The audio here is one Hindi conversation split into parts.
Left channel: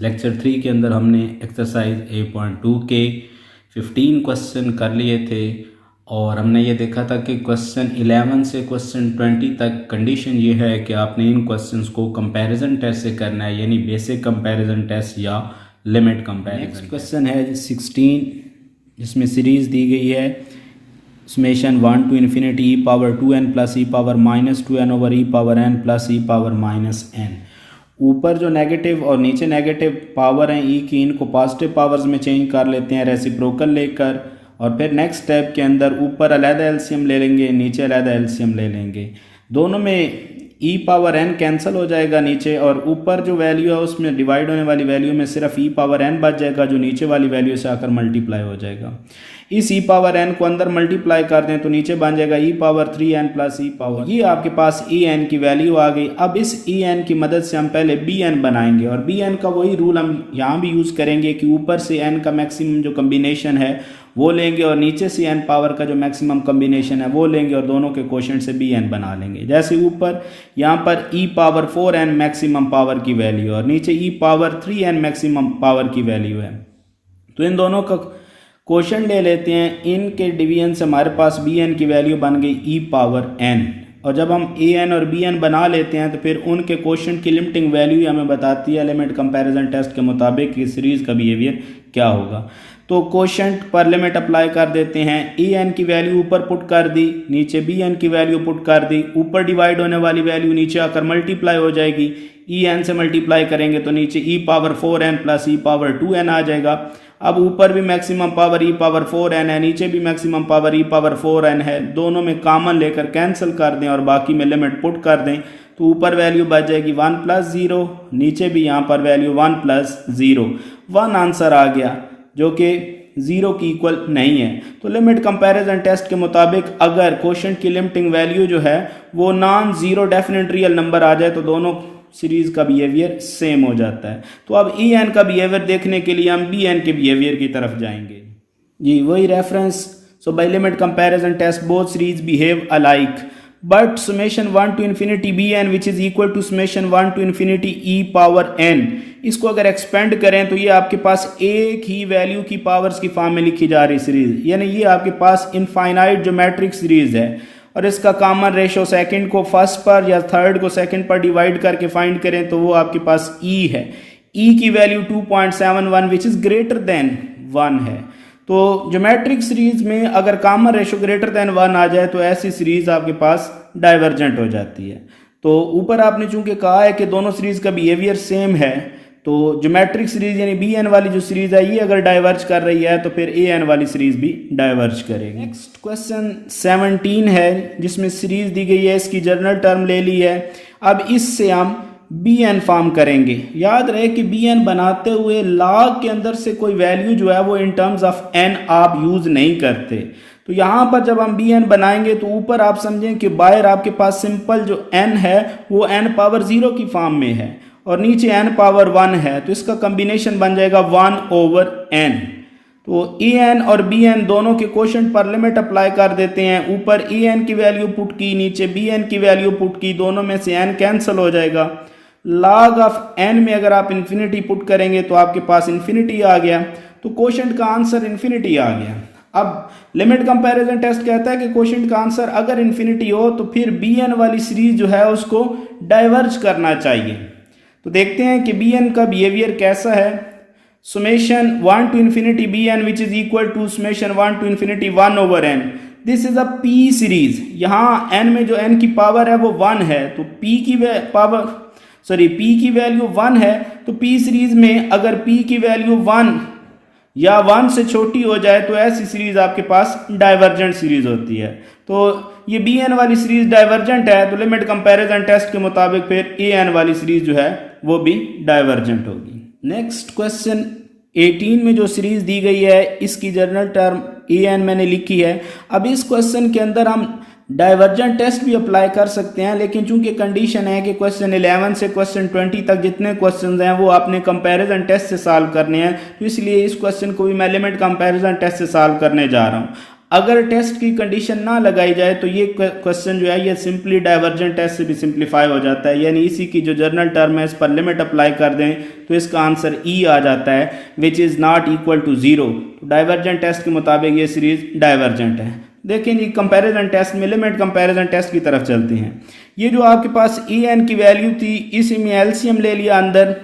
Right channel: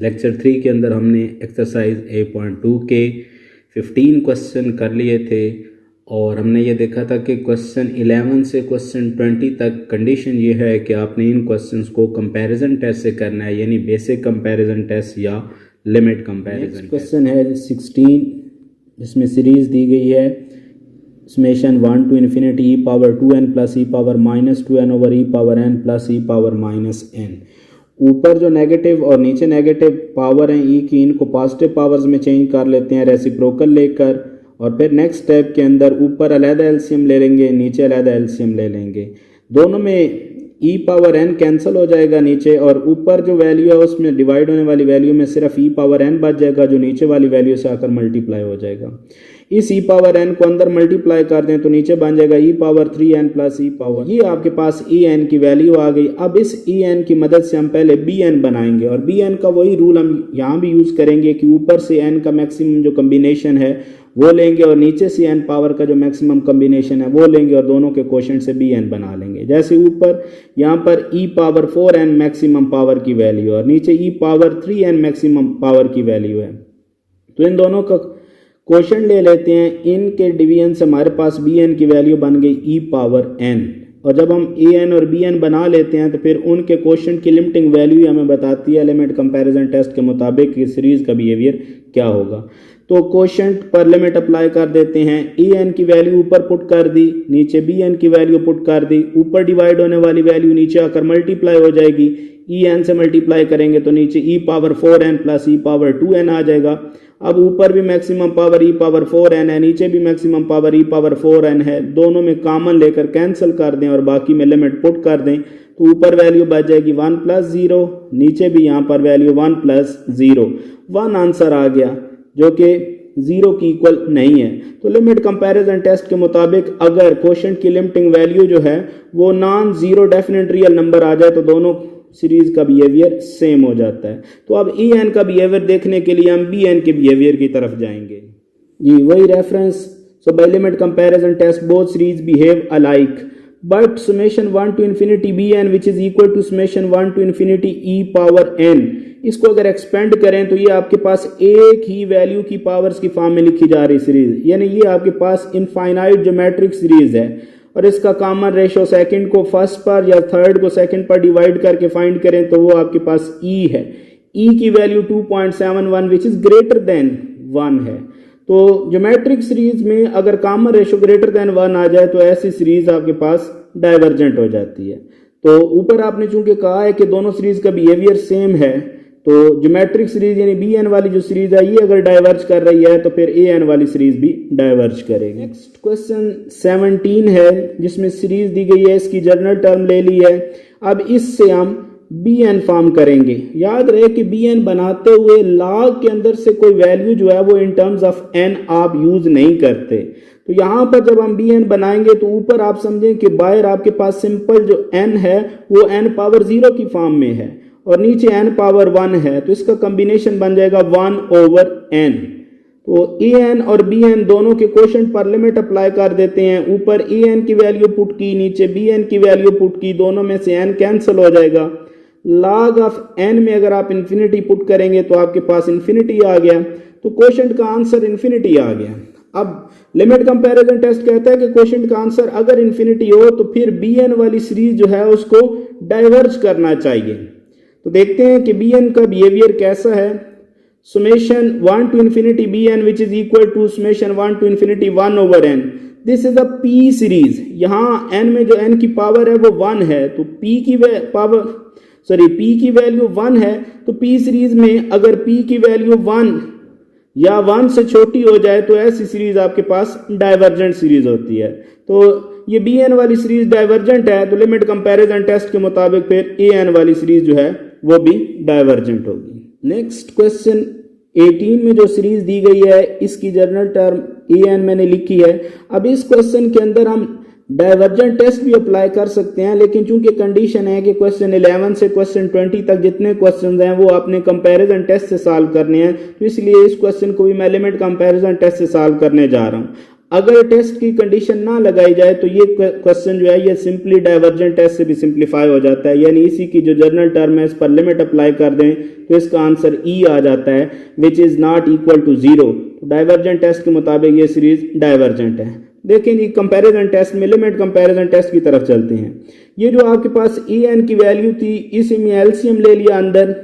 लेक्चर 3 के अंदर हमने एक्सरसाइज 8.2 के 15 क्वेश्चन कर लिए थे और हमने ये देखा था कि क्वेश्चन 11 से क्वेश्चन 20 तक कंडीशन ये है कि आपने इन क्वेश्चंस को कंपैरिजन टेस्ट से करना है, यानी बेसिक कंपैरिजन टेस्ट या लिमिट कंपैरिजन। नेक्स्ट क्वेश्चन है 16, जिसमें सीरीज़ दी गई है summation 1 to infinity e power 2n plus e power minus 2n over e power n plus e power minus n। ऊपर जो नेगेटिव और नीचे नेगेटिव पावर हैं ई की, इनको पॉजिटिव पावर्स में चेंज कर लेते हैं रेसिप्रोकल लेकर, और फिर नेक्स्ट स्टेप के अंदर ऊपर अलहदा एलसीएम ले लेंगे, नीचे अलहदा एलसीएम ले लेंगे। दोनों में ई पावर एन कैंसिल हो जाएगा नीचे, और ऊपर जो वैल्यू है उसमें डिवाइड होने वाली वैल्यू में सिर्फ ई पावर एन बच जाएगा, जो नीचे वाली वैल्यू से आकर मल्टीप्लाई हो जाएगा। इस ई पावर एन को अंदर मल्टीप्लाई कर दें तो नीचे बन जाएगा ई पावर 3n प्लस ई पावर, ये आपके पास ई एन की वैल्यू आ गई। अब इस ई एन की मदद से हम पहले बी एन बनाएंगे, और बी एन का वही रूल हम यहाँ भी यूज़ करेंगे कि ऊपर से एन का मैक्सिमम जो कम्बिनेशन है वो लेंगे और नीचे से एन पावर का जो मैक्सिमम कम्बिनेशन है वो लेंगे, और दोनों के कोशेंट से बी एन बना लेंगे। जैसे ऊपर यहाँ पर ई पावर 4n मैक्सिमम पावर की वैल्यू और नीचे ई पावर 3n मैक्सिमम पावर की वैल्यू है, तो इन दोनों का क्वोशंट ले लेते हैं। इनके डिवीजन से हमारे पास बी एन की वैल्यू बन गई ई पावर n, और जब हम ए एन और बी एन बना लेते हैं तो फिर उनके क्वोशंट की लिमिटिंग वैल्यू हमें बताती है लिमिट कंपैरिजन टेस्ट के मुताबिक कि सीरीज़ का बिहेवियर क्या होगा। तो क्वोशंट पर लिमिट अप्लाई कर देते हैं। ए एन की वैल्यू ऊपर पुट कर दी, नीचे बी एन की वैल्यू पुट कर दी, ऊपर डिवाइड होने वाली वैल्यू नीचे आकर मल्टीप्लाई हो जाएगी। ई एन से मल्टीप्लाई करेंगे तो नीचे ई पावर 4n प्लस ई पावर 2n आ जाएगा। अब ऊपर भी मैक्सिमम पावर ई पावर 4n है, नीचे भी मैक्सिमम पावर ई पावर 4n है, दोनों में कॉमन लेकर कैंसिल कर दें और बाकी में लिमिट पुट कर दें, तो ऊपर वैल्यू बच जाएगी 1 प्लस 0, नीचे भी यहाँ पर वैल्यू 1 प्लस 0। 1 आंसर आ गया जो कि 0 की इक्वल नहीं है। तो लिमिट कंपैरिजन टेस्ट के मुताबिक अगर क्वोशंट की लिमिटिंग वैल्यू जो है वो non zero definite real number आ जाए तो दोनों सीरीज़ का बिहेवियर सेम हो जाता है। तो अब ई एन का बिहेवियर देखने के लिए हम बी एन के बिहेवियर की तरफ जाएंगे। जी वही reference, so by limit comparison test both series behave alike but summation 1 to infinity bn which is equal to summation 1 to infinity e power n। इसको अगर एक्सपेंड करें तो ये आपके पास एक ही वैल्यू की पावर्स की फॉर्म में लिखी जा रही सीरीज, यानी ये आपके पास इनफाइनाइट ज्योमेट्रिक सीरीज है, और इसका कॉमन रेशो सेकंड को फर्स्ट पर या थर्ड को सेकंड पर डिवाइड करके फाइंड करें तो वो आपके पास e है। e की value 2.71 which is greater than 1 है। तो ज्योमेट्रिक सीरीज में अगर कॉमन रेशो ग्रेटर देन 1 आ जाए तो ऐसी सीरीज आपके पास डाइवर्जेंट हो जाती है। तो ऊपर आपने चूंकि कहा है कि दोनों सीरीज का बिहेवियर सेम है, तो ज्योमेट्रिक सीरीज यानी बी एन वाली जो सीरीज है ये अगर डाइवर्ज कर रही है तो फिर ए एन वाली सीरीज भी डाइवर्ज करेगी। नेक्स्ट क्वेश्चन 17 है, जिसमें सीरीज दी गई है, इसकी जनरल टर्म ले ली है। अब इससे हम बी एन फॉर्म करेंगे। याद रहे कि बी एन बनाते हुए लॉग के अंदर से कोई वैल्यू जो है वो इन टर्म्स ऑफ एन आप यूज नहीं करते। तो यहाँ पर जब हम बी एन बनाएंगे तो ऊपर आप समझें कि बाहर आपके पास सिंपल जो एन है वो एन पावर 0 की फॉर्म में है और नीचे एन पावर 1 है, तो इसका कॉम्बिनेशन बन जाएगा 1 ओवर एन। तो ए एन और बी एन दोनों के क्वोशंट पर लिमिट अप्लाई कर देते हैं। ऊपर ए एन की वैल्यू पुट की, नीचे बी एन की वैल्यू पुट की, दोनों में से एन कैंसिल हो जाएगा। लॉग ऑफ एन में अगर आप इन्फिनिटी पुट करेंगे तो आपके पास इन्फिनिटी आ गया, तो क्वोशंट का आंसर इन्फिनिटी आ गया। अब लिमिट कंपैरिजन टेस्ट कहता है कि क्वोशंट का आंसर अगर इन्फिनिटी हो तो फिर बी एन वाली सीरीज जो है उसको डाइवर्ज करना चाहिए। तो देखते हैं कि बी एन का बिहेवियर कैसा है। summation 1 to infinity bn which is equal to summation 1 to infinity 1 over n। This is a p series. यहाँ n में जो n की पावर है वो 1 है, तो p की वैल्यू 1 है, तो p सीरीज में अगर p की वैल्यू 1 या 1 से छोटी हो जाए तो ऐसी सीरीज आपके पास डाइवर्जेंट सीरीज होती है। तो ये बी एन वाली सीरीज डाइवर्जेंट है, तो लिमिट कंपैरिजन टेस्ट के मुताबिक फिर ए एन वाली सीरीज जो है वो भी डाइवर्जेंट होगी। नेक्स्ट क्वेश्चन 18 में जो सीरीज दी गई है इसकी जनरल टर्म ए एन मैंने लिखी है। अब इस क्वेश्चन के अंदर हम डाइवर्जेंट टेस्ट भी अप्लाई कर सकते हैं, लेकिन चूंकि कंडीशन है कि क्वेश्चन 11 से क्वेश्चन 20 तक जितने क्वेश्चन हैं वो आपने कंपैरिजन टेस्ट से सॉल्व करने हैं, तो इसलिए इस क्वेश्चन को भी मैं लिमिट कंपैरिजन टेस्ट से सॉल्व करने जा रहा हूँ। अगर टेस्ट की कंडीशन ना लगाई जाए तो ये क्वेश्चन जो है ये सिंपली डाइवर्जेंट टेस्ट से भी सिंप्लीफाई हो जाता है, यानी इसी की जो जनरल टर्म है इस पर लिमिट अप्लाई कर दें तो इसका आंसर ई आ जाता है, which is not equal to zero. तो डाइवर्जेंट टेस्ट के मुताबिक ये सीरीज डाइवर्जेंट है। देखें जी कंपैरिजन टेस्ट में लिमिट कंपैरिजन टेस्ट की तरफ चलते हैं। ये जो आपके पास ई एन की वैल्यू थी इसी में एलसीएम ले लिया अंदर,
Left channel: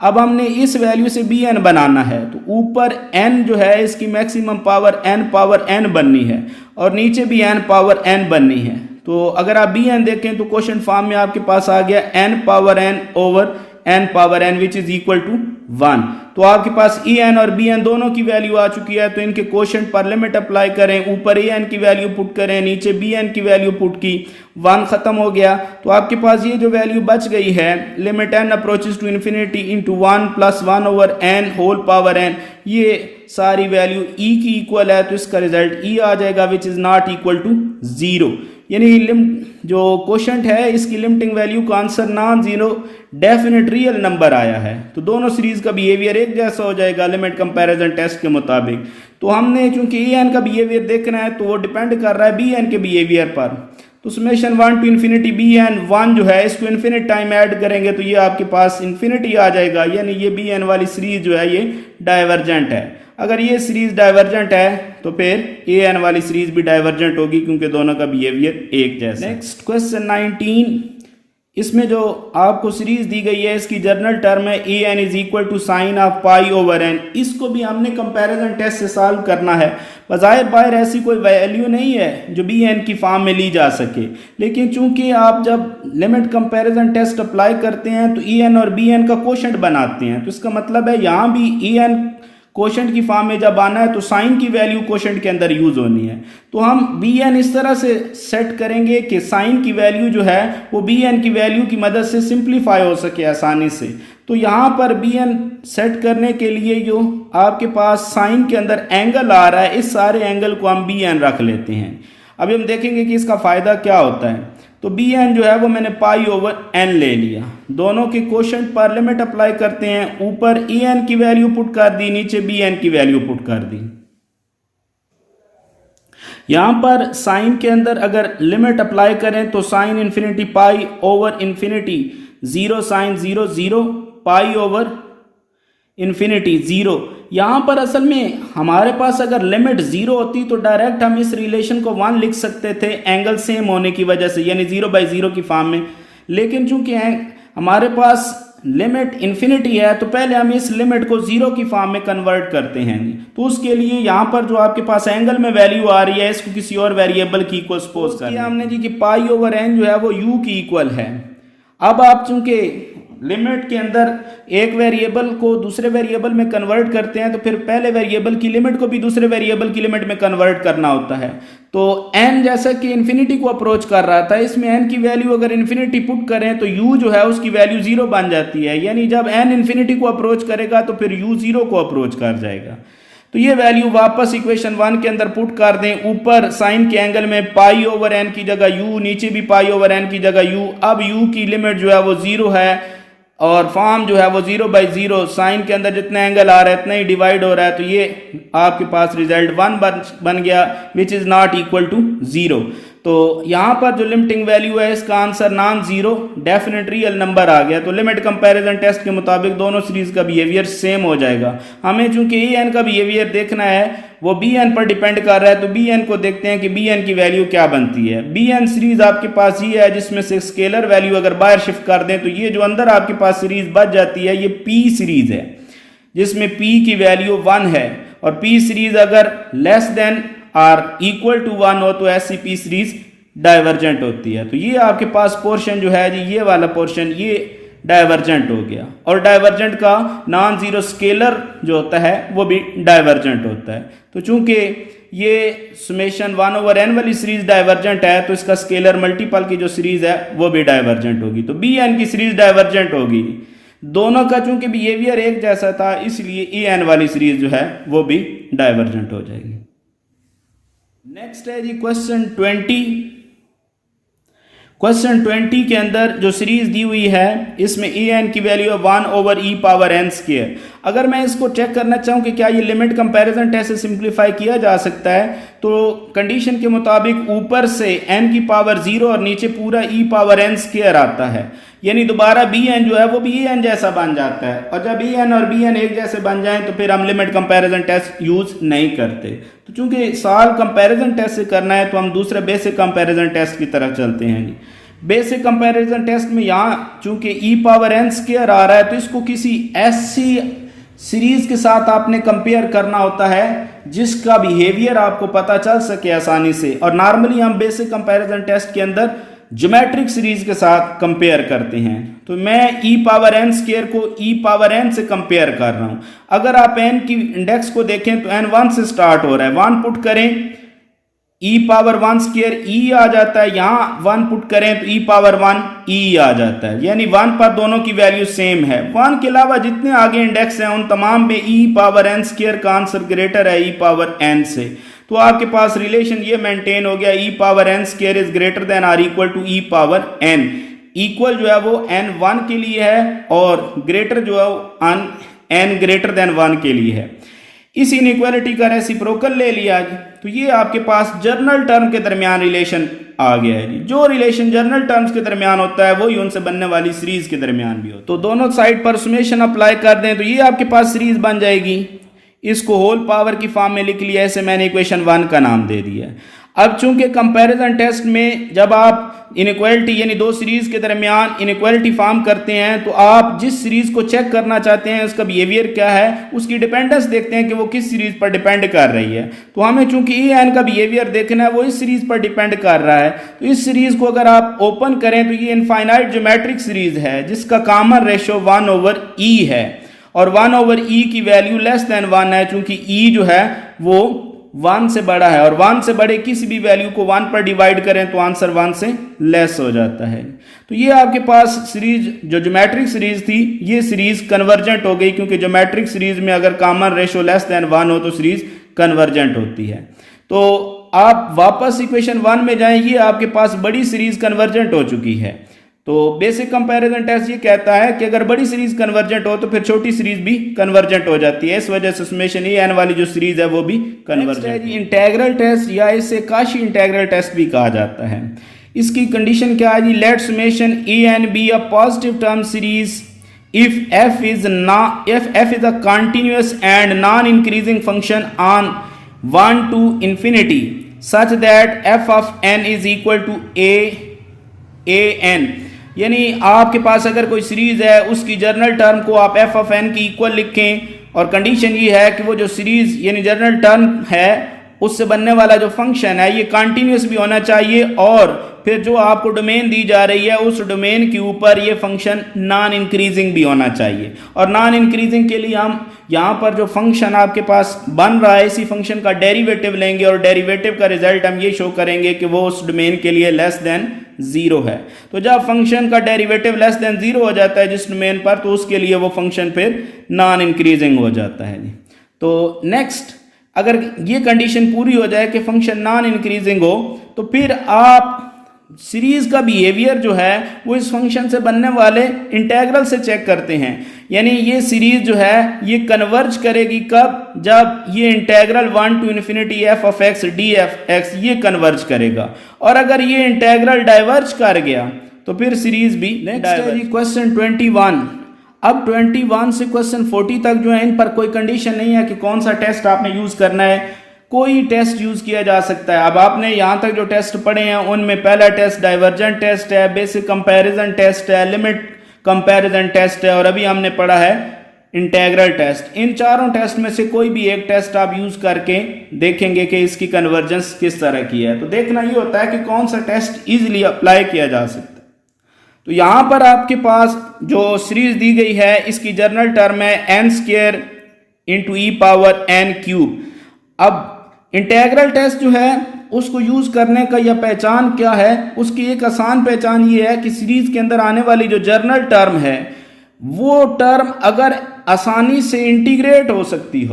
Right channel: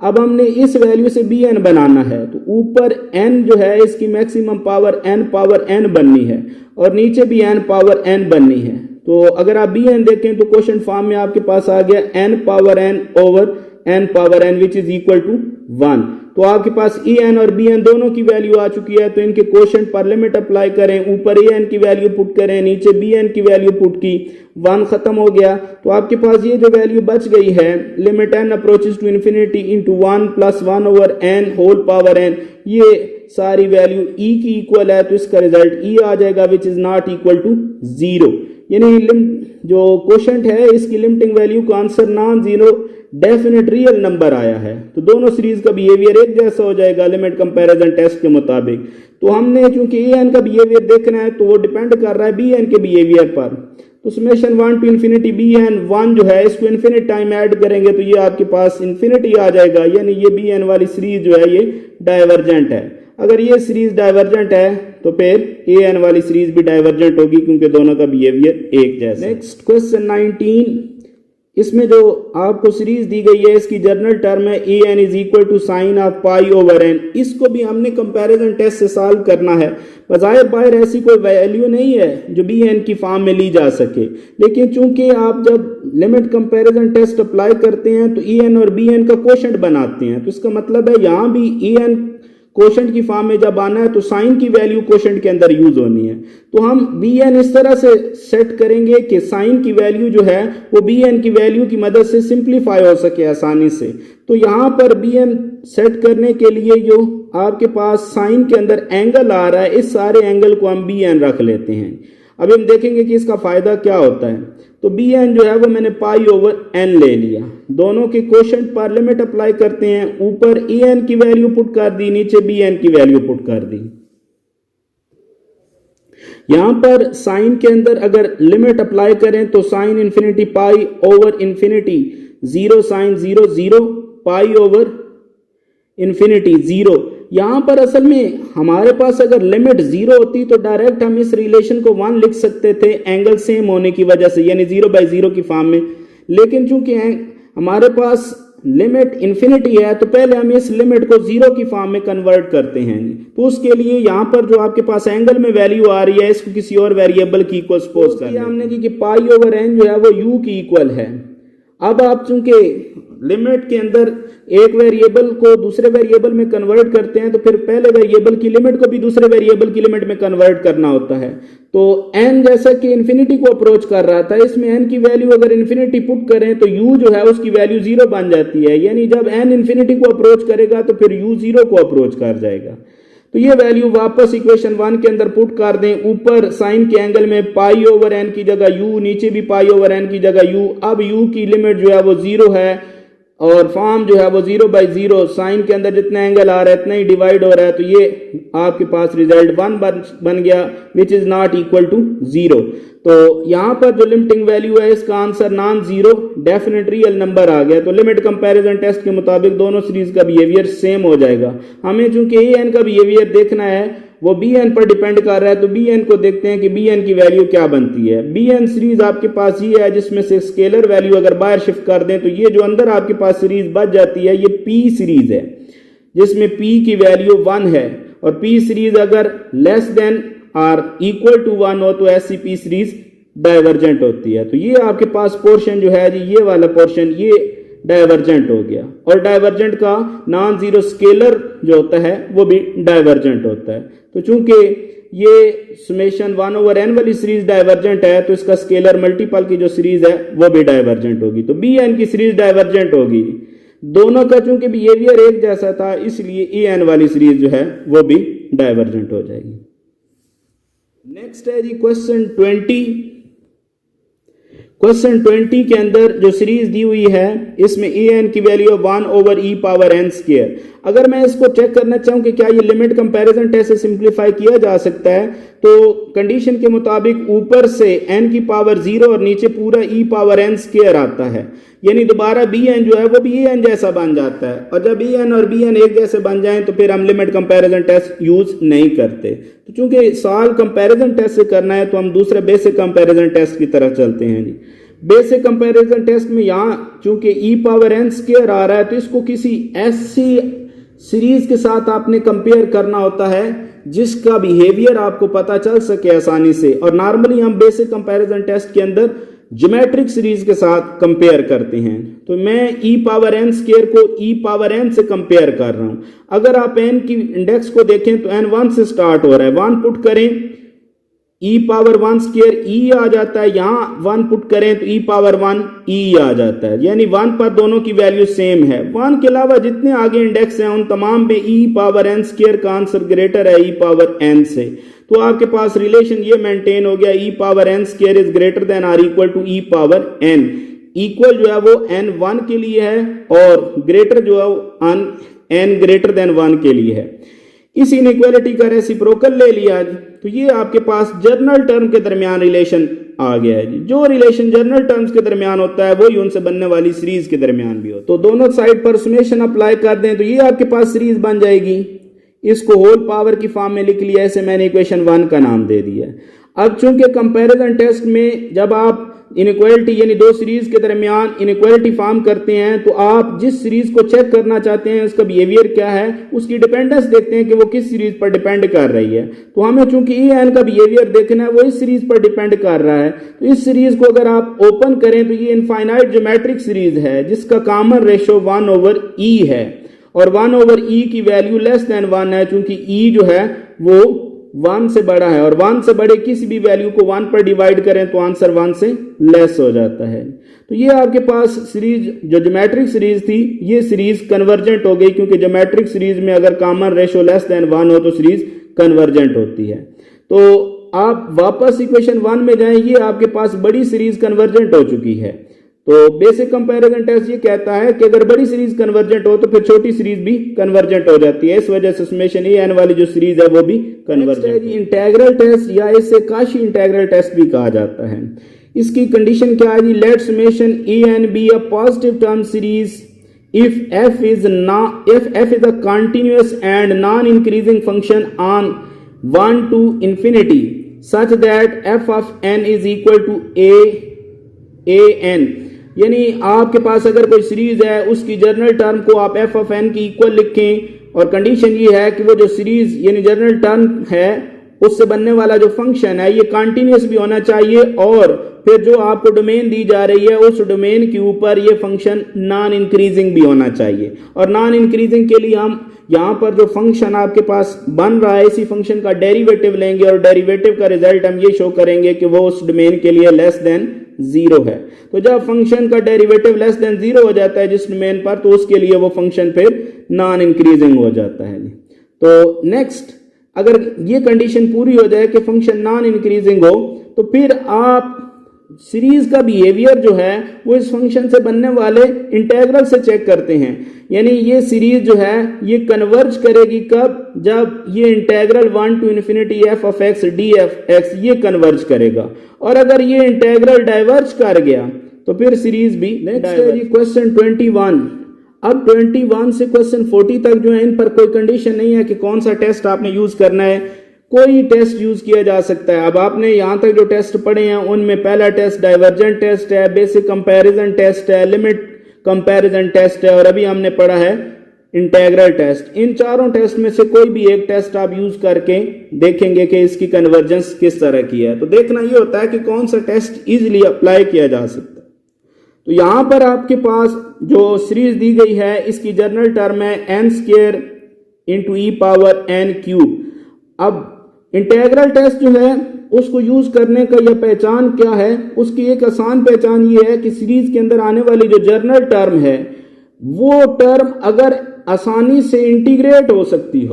अब हमने इस वैल्यू से बी एन बनाना है तो ऊपर एन जो है इसकी मैक्सिमम पावर एन बननी है और नीचे भी एन पावर एन बननी है। तो अगर आप बी एन देखें तो क्वेश्चन फॉर्म में आपके पास आ गया n power n over n power n which is equal to 1। तो आपके पास ई एन और बी एन दोनों की वैल्यू आ चुकी है, तो इनके क्वोशंट पर लिमिट अप्लाई करें, ऊपर ए एन की वैल्यू पुट करें, नीचे बी एन की वैल्यू पुट की, 1 खत्म हो गया। तो आपके पास ये जो वैल्यू बच गई है limit n approaches to infinity into 1 plus 1 over n whole power n, ये सारी वैल्यू ई की इक्वल है, तो इसका रिजल्ट ई आ जाएगा which is not equal to 0। यानी जो क्वोशंट है इसकी लिमिटिंग वैल्यू का answer non zero definite real number आया है। तो दोनों सीरीज का बिहेवियर एक जैसा हो जाएगा लिमिट कंपैरिजन टेस्ट के मुताबिक। तो हमने चूंकि ए एन का बिहेवियर देखना है तो वो डिपेंड कर रहा है बी एन के बिहेवियर पर। तो summation 1 to infinity b n 1 जो है इसको इन्फिनिट टाइम ऐड करेंगे तो ये आपके पास इन्फिनिटी आ जाएगा, यानी ये बी एन वाली सीरीज जो है ये डाइवर्जेंट है। अगर ये सीरीज डाइवर्जेंट है तो फिर ए एन वाली सीरीज भी डाइवर्जेंट होगी क्योंकि दोनों का बिहेवियर एक जैसा। नेक्स्ट क्वेश्चन 19, इसमें जो आपको सीरीज दी गई है इसकी जनरल टर्म है a n is equal to sine of pi over n. इसको भी हमने कंपैरिजन टेस्ट से सॉल्व करना है। बज़ाहिर बाहर ऐसी कोई वैल्यू नहीं है जो बी एन की फॉर्म में ली जा सके, लेकिन चूंकि आप जब लिमिट कंपैरिजन टेस्ट अप्लाई करते हैं तो ए एन और बी एन का क्वोशंट बनाते हैं, तो इसका मतलब है यहाँ भी ए एन क्वोशंट की फॉर्म में जब आना है तो साइन की वैल्यू क्वोशंट के अंदर यूज होनी है। तो हम बी एन इस तरह से सेट करेंगे कि साइन की वैल्यू जो है वो बी एन की वैल्यू की मदद से सिंप्लीफाई हो सके आसानी से। तो यहाँ पर बी एन सेट करने के लिए जो आपके पास साइन के अंदर एंगल आ रहा है इस सारे एंगल को हम बी एन रख लेते हैं। अभी हम देखेंगे कि इसका फायदा क्या होता है। तो बी एन जो है वो मैंने पाई ओवर एन ले लिया, दोनों के क्वोशंट पर लिमिट अप्लाई करते हैं, ऊपर ए एन की वैल्यू पुट कर दी, नीचे बी एन की वैल्यू पुट कर दी। यहां पर साइन के अंदर अगर लिमिट अप्लाई करें तो sine infinity pi over infinity 0 sine 0 0 pi over infinity 0। यहां पर असल में हमारे पास अगर लिमिट 0 होती तो डायरेक्ट हम इस रिलेशन को 1 लिख सकते थे एंगल सेम होने की वजह से, यानी 0/0 की फॉर्म में। लेकिन चूंकि हमारे पास लिमिट इन्फिनिटी है तो पहले हम इस लिमिट को 0 की फॉर्म में कन्वर्ट करते हैं। तो उसके लिए यहाँ पर जो आपके पास एंगल में वैल्यू आ रही है इसको किसी और वेरिएबल की इक्वल सपोज कर दिया हमने जी कि पाई ओवर एन जो है वो यू की इक्वल है। अब आप चूंकि लिमिट के अंदर एक वेरिएबल को दूसरे वेरिएबल में कन्वर्ट करते हैं तो फिर पहले वेरिएबल की लिमिट को भी दूसरे वेरिएबल की लिमिट में कन्वर्ट करना होता है। तो n जैसा कि इन्फिनिटी को अप्रोच कर रहा था, इसमें n की वैल्यू अगर इन्फिनिटी पुट करें तो u जो है उसकी वैल्यू 0 बन जाती है, यानी जब n इन्फिनिटी को अप्रोच करेगा तो फिर u 0 को अप्रोच कर जाएगा। तो ये वैल्यू वापस इक्वेशन 1 के अंदर पुट कर दें, ऊपर साइन के एंगल में पाई ओवर एन की जगह u, नीचे भी पाई ओवर एन की जगह u। अब u की लिमिट जो है वो 0 है और फॉर्म जो है वो 0/0, साइन के अंदर जितना एंगल आ रहा है इतना ही डिवाइड हो रहा है, तो ये आपके पास रिजल्ट 1 बन गया which is not equal to 0। तो यहाँ पर जो लिमिटिंग वैल्यू है इसका answer non zero definite real number आ गया। तो लिमिट कंपैरिजन टेस्ट के मुताबिक दोनों सीरीज का बिहेवियर सेम हो जाएगा। हमें चूंकि ए एन का बिहेवियर देखना है वो बी एन पर डिपेंड कर रहा है, तो बी एन को देखते हैं कि बी एन की वैल्यू क्या बनती है। बी एन सीरीज आपके पास ये है जिसमें से स्केलर वैल्यू अगर बाहर शिफ्ट कर दें तो ये जो अंदर आपके पास सीरीज बच जाती है ये पी सीरीज है जिसमें पी की वैल्यू 1 है, और पी सीरीज अगर less than or equal to 1 हो तो ऐसी पी सीरीज डाइवर्जेंट होती है। तो ये आपके पास पोर्शन जो है जी ये वाला पोर्शन ये डाइवर्जेंट हो गया, और डाइवर्जेंट का नॉन जीरो स्केलर जो होता है वो भी डाइवर्जेंट होता है। तो चूंकि ये समेशन 1/n वाली सीरीज डाइवर्जेंट है तो इसका स्केलर मल्टीपल की जो सीरीज है वो भी डाइवर्जेंट होगी। तो बी एन की सीरीज डाइवर्जेंट होगी, दोनों का चूंकि बिहेवियर एक जैसा था इसलिए ए एन वाली सीरीज जो है वो भी डाइवर्जेंट हो जाएगी। नेक्स्ट है जी क्वेश्चन 20। क्वेश्चन 20 के अंदर जो सीरीज दी हुई है इसमें ए एन की वैल्यू 1/e⁻n²। अगर मैं इसको चेक करना चाहूँ कि क्या ये लिमिट कंपैरिजन टेस्ट से सिंप्लीफाई किया जा सकता है तो कंडीशन के मुताबिक ऊपर से n की पावर 0 और नीचे पूरा e पावर n स्क्वायर आता है, यानी दोबारा bn जो है वो भी en जैसा बन जाता है। और जब en और bn एक जैसे बन जाएं तो फिर हम लिमिट कंपैरिजन टेस्ट यूज नहीं करते। तो चूंकि सवाल कंपैरिजन टेस्ट से करना है तो हम दूसरे बेसिक कंपैरिजन टेस्ट की तरफ चलते हैं जी। बेसिक कंपैरिजन टेस्ट में यहाँ चूंकि e पावर n स्क्वायर आ रहा है तो इसको किसी ऐसी सीरीज के साथ आपने कंपेयर करना होता है जिसका बिहेवियर आपको पता चल सके आसानी से। और नॉर्मली हम बेसिक कंपैरिजन टेस्ट के अंदर ज्योमेट्रिक सीरीज के साथ कंपेयर करते हैं। तो मैं e पावर n स्क्वायर को e पावर n से कंपेयर कर रहा हूं। अगर आप n की इंडेक्स को देखें तो n 1 से स्टार्ट हो रहा है, 1 पुट करें e पावर 1 स्क्वायर e आ जाता है, यहाँ 1 पुट करें तो e पावर 1 e आ जाता है, यानी 1 पर दोनों की वैल्यू सेम है। 1 के अलावा जितने आगे इंडेक्स हैं उन तमाम में e पावर n स्क्वायर का आंसर ग्रेटर है e पावर n से। तो आपके पास रिलेशन ये मेंटेन हो गया, e power n square is greater than or equal to e power n। Equal जो है वो n 1 के लिए है और ग्रेटर जो है वो n ग्रेटर देन 1 के लिए है। इस इनइक्वालिटी का रेसिप्रोकल ले लिया जी, तो ये आपके पास जर्नल टर्म के दरमियान रिलेशन आ गया है जी। जो रिलेशन जर्नल टर्म्स के दरमियान होता है वही उनसे बनने वाली सीरीज के दरमियान भी हो। तो दोनों साइड पर समेशन अप्लाई कर दें तो ये आपके पास सीरीज बन जाएगी। इसको होल पावर की फॉर्म में लिख लिया, ऐसे मैंने इक्वेशन 1 का नाम दे दिया। अब चूंकि कंपैरिजन टेस्ट में जब आप इनइक्वालिटी यानी दो सीरीज के दरमियान इनइक्वालिटी फॉर्म करते हैं तो आप जिस सीरीज को चेक करना चाहते हैं उसका बिहेवियर क्या है, उसकी डिपेंडेंस देखते हैं कि वो किस सीरीज पर डिपेंड कर रही है। तो हमें चूंकि ई एन का बिहेवियर देखना है वो इस सीरीज पर डिपेंड कर रहा है। तो इस सीरीज को अगर आप ओपन करें तो ये इनफाइनाइट ज्योमेट्रिक सीरीज है जिसका कॉमन रेशो 1/e है और 1/e की वैल्यू लेस देन 1 है, चूंकि e जो है वो 1 से बड़ा है और 1 से बड़े किसी भी वैल्यू को 1 पर डिवाइड करें तो आंसर 1 से लेस हो जाता है। तो ये आपके पास सीरीज जो ज्योमेट्रिक सीरीज थी ये सीरीज कन्वर्जेंट हो गई, क्योंकि ज्योमेट्रिक सीरीज में अगर कॉमन रेशो लेस देन 1 हो तो सीरीज कन्वर्जेंट होती है। तो आप वापस इक्वेशन 1 में जाएं, ये आपके पास बड़ी सीरीज कन्वर्जेंट हो चुकी है। तो बेसिक कंपैरिजन टेस्ट ये कहता है कि अगर बड़ी सीरीज कन्वर्जेंट हो तो फिर छोटी सीरीज भी कन्वर्जेंट हो जाती है। इस वजह से समेशन ए एन वाली जो सीरीज है वो भी कन्वर्जेंट है। इंटीग्रल टेस्ट या इसे काशी इंटीग्रल टेस्ट भी कहा जाता है। इसकी कंडीशन क्या है जी, let summation a n be a positive term series if f is a continuous and non-increasing function on 1 to infinity such that f of n is equal to a n, यानी आपके पास अगर कोई सीरीज है उसकी जर्नल टर्म को आप f ऑफ n की इक्वल लिखें और कंडीशन ये है कि वो जो सीरीज यानी जर्नल टर्म है उससे बनने वाला जो फंक्शन है ये कंटिन्यूस भी होना चाहिए और फिर जो आपको डोमेन दी जा रही है उस डोमेन के ऊपर ये फंक्शन नॉन इंक्रीजिंग भी होना चाहिए। और नॉन इंक्रीजिंग के लिए हम यहाँ पर जो फंक्शन आपके पास बन रहा है इसी फंक्शन का डेरिवेटिव लेंगे और डेरिवेटिव का रिजल्ट हम ये शो करेंगे कि वो उस डोमेन के लिए लेस देन 0 है। तो जब फंक्शन का डेरिवेटिव लेस देन 0 हो जाता है जिस डोमेन पर तो उसके लिए वो फंक्शन फिर नॉन इंक्रीजिंग हो जाता है। तो नेक्स्ट अगर ये कंडीशन पूरी हो जाए कि फंक्शन नॉन इंक्रीजिंग हो तो फिर आप सीरीज का बिहेवियर जो है वो इस फंक्शन से बनने वाले इंटीग्रल से चेक करते हैं। यानी ये सीरीज जो है ये कन्वर्ज करेगी कब, जब ये integral 1 to infinity f of x df(x) ये कन्वर्ज करेगा। और अगर ये इंटीग्रल डाइवर्ज कर गया तो फिर सीरीज भी नेक्स्ट है जी क्वेश्चन 21। अब 21 से क्वेश्चन 40 तक जो है इन पर कोई कंडीशन नहीं है कि कौन सा टेस्ट आपने यूज करना है, कोई टेस्ट यूज किया जा सकता है। अब आपने यहाँ तक जो टेस्ट पढ़े हैं उनमें पहला टेस्ट डाइवर्जेंट टेस्ट है, बेसिक कंपैरिजन टेस्ट है, लिमिट कंपैरिजन टेस्ट है और अभी हमने पढ़ा है इंटीग्रल टेस्ट। इन चारों टेस्ट में से कोई भी एक टेस्ट आप यूज करके देखेंगे कि इसकी कन्वर्जेंस किस तरह की है। तो देखना ये होता है कि कौन सा टेस्ट इजीली अप्लाई किया जा सकता है। तो यहाँ पर आपके पास जो सीरीज दी गई है इसकी जर्नल टर्म है n स्क्वायर इंटू ई पावर n क्यूब। अब इंटीग्रल टेस्ट जो है उसको यूज करने का या पहचान क्या है, उसकी एक आसान पहचान ये है कि सीरीज के अंदर आने वाली जो जर्नल टर्म है वो टर्म अगर आसानी से इंटीग्रेट हो सकती